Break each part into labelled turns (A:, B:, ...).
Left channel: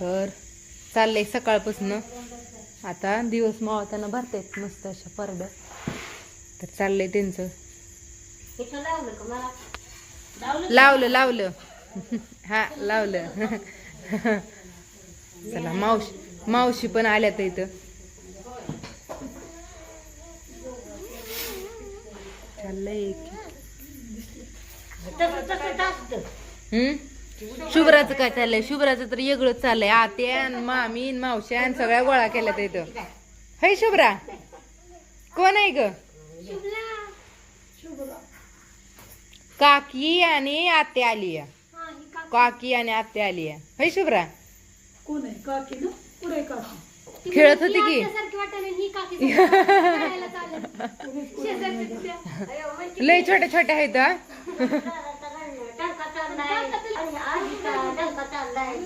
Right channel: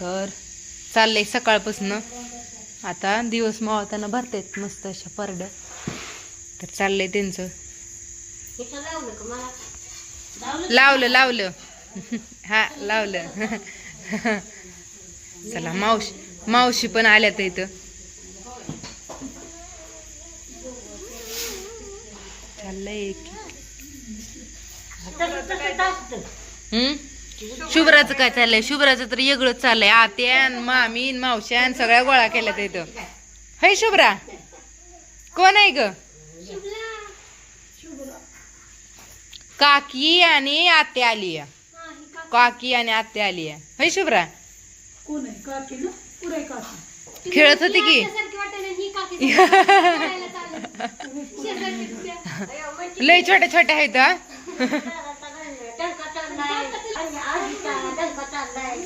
A: तर चाललंय सकाळपासून. आता दिवस मावळताना भरतायत मस्त अशा परड्या. तर चाललंय त्यांचं.
B: लावलं
A: लावलं हा लावलं. चला मावशी मावशी पण आल्यात इथं. चाललंय हम्म? शुभ्राचं काय चाललंय? शुभ्राचं तर वेगळंच चाललंय. आत्यान मामीन मावश्यान सगळ्या गोळा केल्यात इथं. है शुभ्रा? कोण आहे ग? काकी आणि आत्या आली आहे. काकी आणि आत्या आली आहे. है शुभ्रा? खेळत होती की? लय छोट्या छोट्या आहेत हा.
B: टंका चाललाय. आजीचा टंका चाललाय.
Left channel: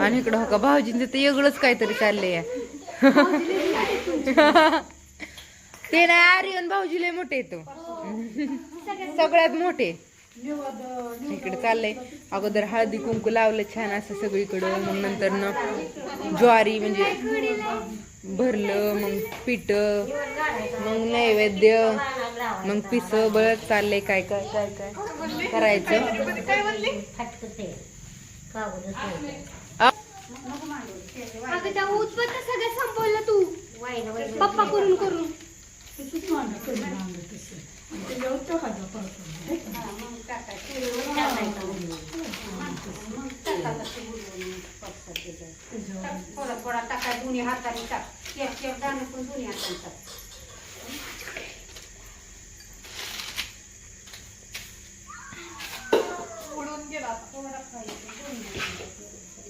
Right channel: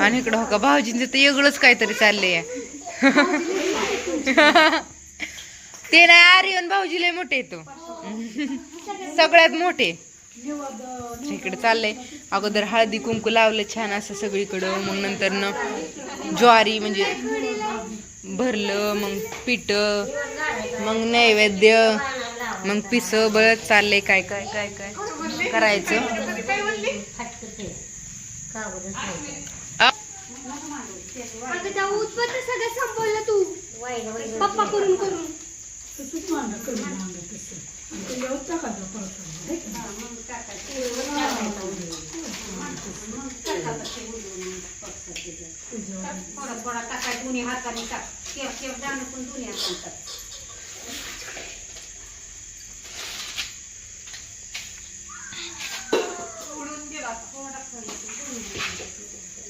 A: आणि इकडं हो का भाऊजींचं तर वेगळंच काहीतरी चाललंय. ते नाही आर्यन भाऊजी लय मोठे तो. सगळ्यात मोठे. इकडे चाललंय. अगोदर हळदी कुंकू लावलं छान असं सगळीकडं मग नंतर न ज्वारी म्हणजे भरलं मग पीठ मग नैवेद्य मग पिस बळत चाललंय काय काय काय काय करायचं.
B: फटकते. कागदच नाही.
A: आ-
C: अगं त्या उत्पन्न सगळं संपवलं तू
B: वाईलं, वाईलं.
C: पप्पा करून करून
B: थोडा थोडा टाकाय दोन्ही हाताने टाक शेप शेप दाणे पण दोन्ही हाताने टाक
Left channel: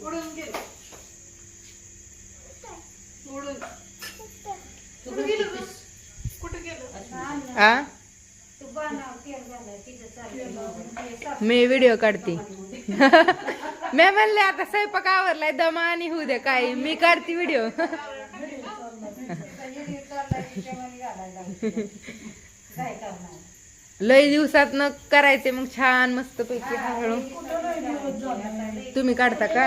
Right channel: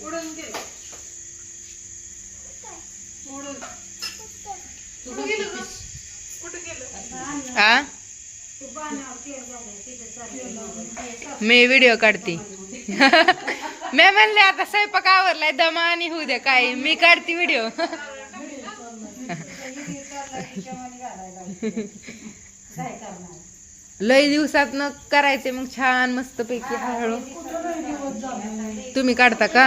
A: आ
B: बनाव
A: मी व्हिडिओ काढते. मी म्हणले आता स्वयंपाक आवरलाय दमा आणि होऊ द्या काय मी काढते व्हिडिओ लय दिवसात न करायचे मग छान मस्त पैकी हळू. तुम्ही काढता का?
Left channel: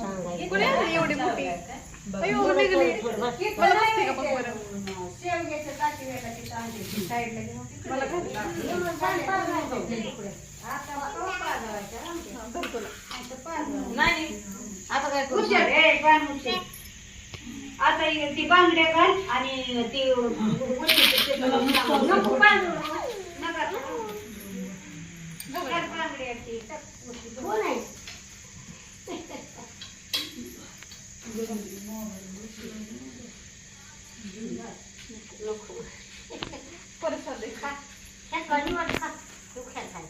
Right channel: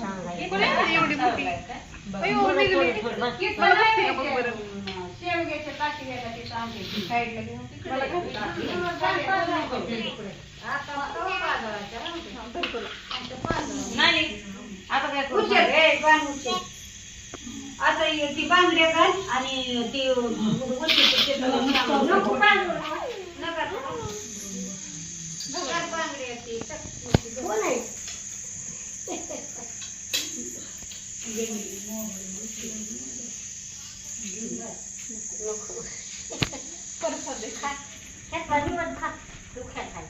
B: झालंय का. केलेला वर्ष झालं हा, केला. हा, काढलं केलं सगळं. एका पाटल्या आजच्या नऊ झालं. दोन आता. इथं नाही, नाही.
D: आता काय करू? ए, पान उचल. आता हे ती बांगड्या घाल आणि ती उचल ते नको बांगडू. नका ना. चार बांगड्या आहेत ती.
B: कोण आहे? ह्यात भाजी वाट खा. तू खा खा.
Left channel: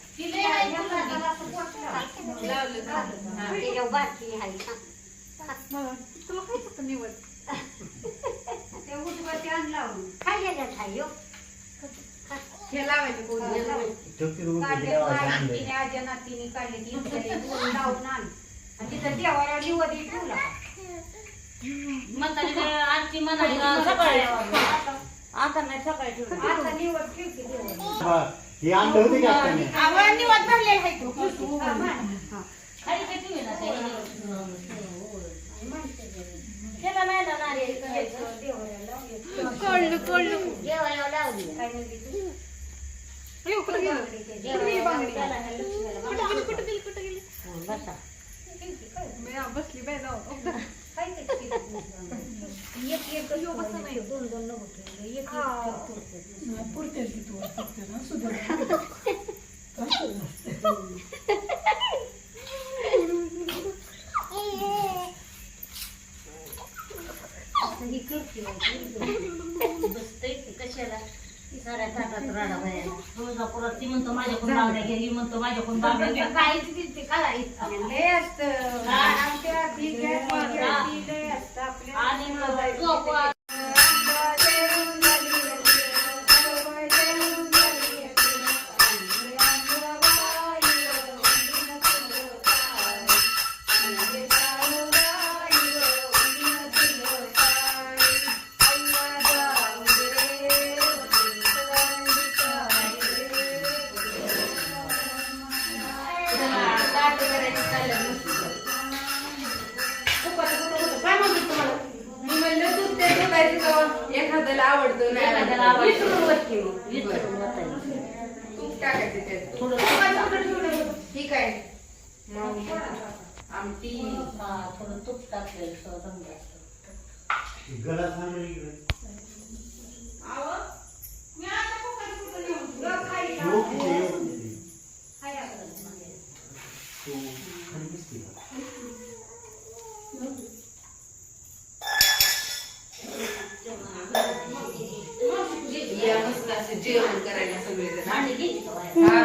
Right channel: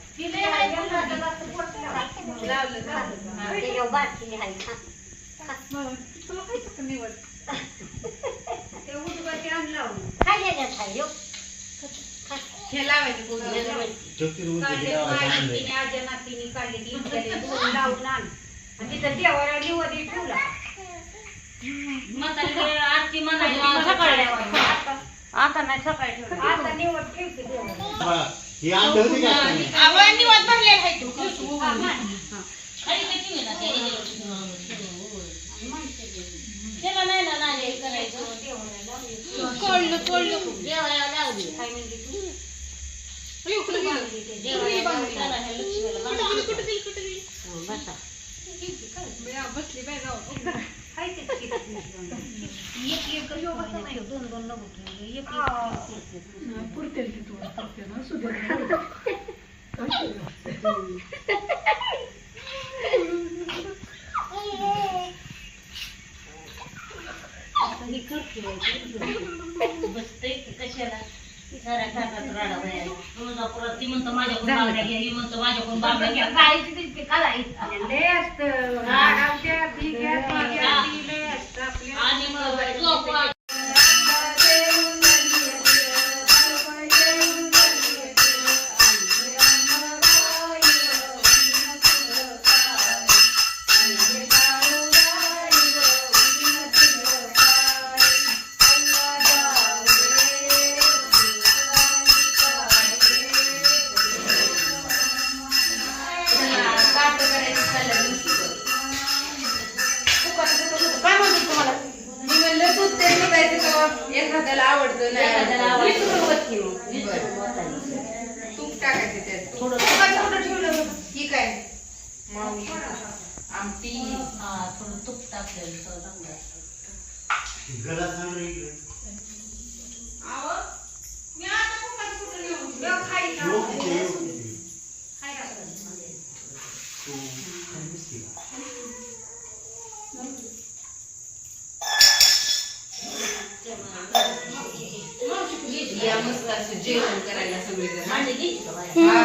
B: हा, त्याच्यावर बारकी आहे खा.
D: ते उजवाचे आण लावून.
B: खा ह्याच्यात खा, यो.
A: हे लावायचे
D: काढले बाई, तिने आज्या लावून आण. आणि तिथं देवाला ठेवला.
B: आजची मनाली सकाळी
D: आता
B: आता नाही सकाळी ठेवलं.
D: आता निवड ठेवते देवाला.
E: हे?
B: खाली कशी होईल? त्याला नाही ना नाले हे करायचं देवाला लावली काय म्हणते तू देवाला लावली, त्याला ह्या लक्ष्मीला बांधायचं. हो, बसा.
D: खायचंच की तिथं.
B: एक एक दोन दोन नको असं करते. बाई, की कशाला? साऱ्या ताटात राडा बायाला तुळजापुरात ती म्हणतो माझ्याकडून बांगड्या घ्या ही म्हणतो माझ्याकडून बांगड्या घ्या काय ते करायचं आणि मग झोप
A: तूप टाकायचं त्यात कुठं ठेवलं? ठीक आहे आमटी
B: थोडं तूप टाकलं
E: गला थांबला इकडे योग किती, योग किती. तू खाली बसली का?
A: या मस्त असं जेवण करायला सगळेजण
B: आणि घे
A: हा,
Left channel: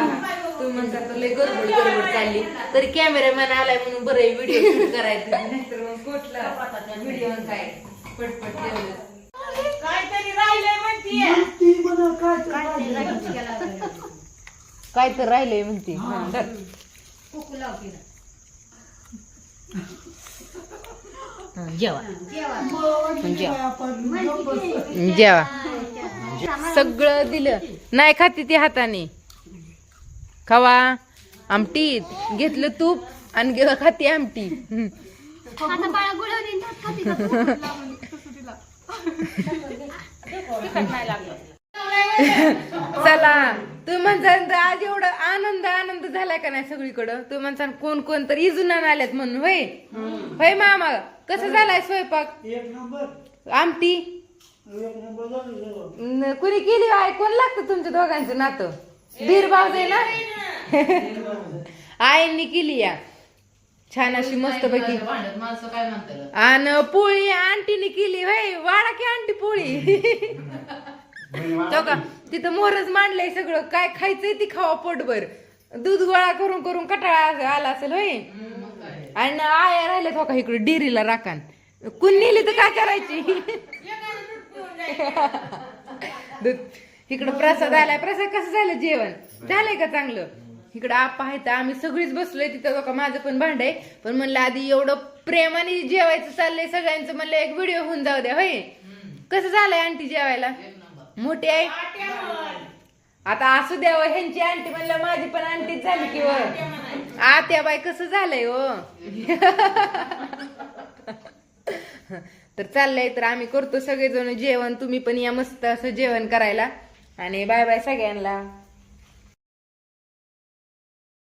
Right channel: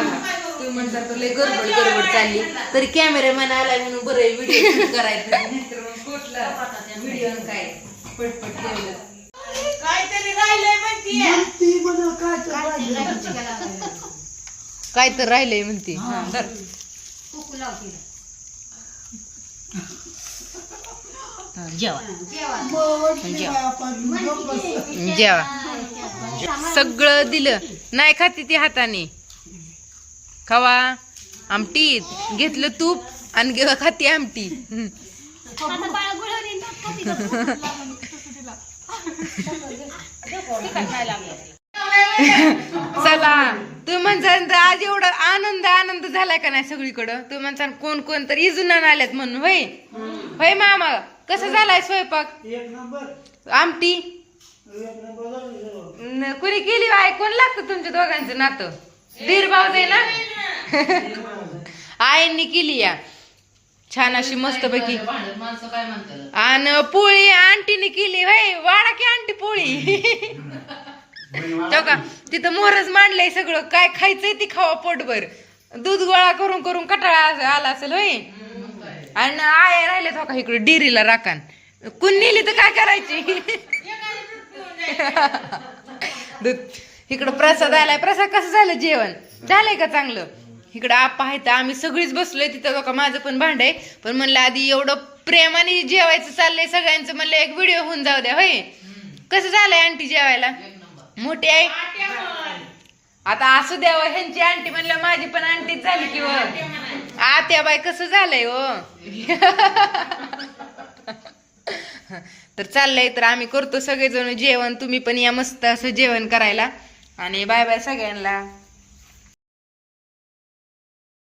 A: तुम्ही म्हणता तर लय गडबड गडबड चालली. तरी कॅमेरामॅन आलाय म्हणून बरं व्हिडिओ करायचं नाहीतर मग कुठला व्हिडिओ काय? पटपट केलं
D: काहीतरी राहिलंय म्हणतीये.
A: काय तर राहिलंय म्हणते.
B: जेवा.
A: जेवा. सगळं दिलं. नाही खाती ती हाताने. खावा. आमटीत घेतलं तूप आणि गे- खाती आमटी. चला. तुम्ही म्हणसान तर आज एवढा आनंद आनंद झालाय का नाही सगळीकडं? तुम्ही म्हणसान कोण कोण तर इजून आल्यात म्हणून होय? होय मामा? कसं झालाय स्वयंपाक?
E: एक नंबर.
A: आमटी?
E: एक नंबर झालं जेवण.
A: न- कुणी केली आहे कोण लागतं तुमच्या दोघांचं नातं? दीर भाऊ दे ना? आईंनी केली या. छान अशी मस्त पैकी. आणि पोळी आंटीने केली होय वाडा की आंटी पोळी? तो का? तिथं मोहरच मांडलंय सगळं. काय खायचंय ती खावा पोटभर. दूध गोळा करून करून कटाळा आला असेल होय आणि आया राहिले तो हो का इकडे डिरीला राखान कुण नेली तर काय करायची? दूध. इकडं प्रसाद आलाय. प्रसाद कसं झालं जेवण? झालंय का चांगलं? इकडं आप्पा आहे तर आम्ही सगळीच बसलोय तिथं हो का माझं पण भांड आहे. पण म्हणलं आधी एवढं प्रेमाने जेवायचं चाललंय सगळ्यांचं म्हणलं एक व्हिडिओ होऊन जाऊ द्या होय? कसं झालंय आंटी जेवायला? मोठी आहे आता असू द्याव हो, ह्यांची आंटी म्हणलं माझी पण आंटीच झाली की हो. आत्या बाय कसं झालंय हो? तर चाललंय तर आम्ही करतो सगळेजण जेवण. तुम्ही पण या मस्त असं जेवण करायला. आणि बाय बाय सगळ्यांना.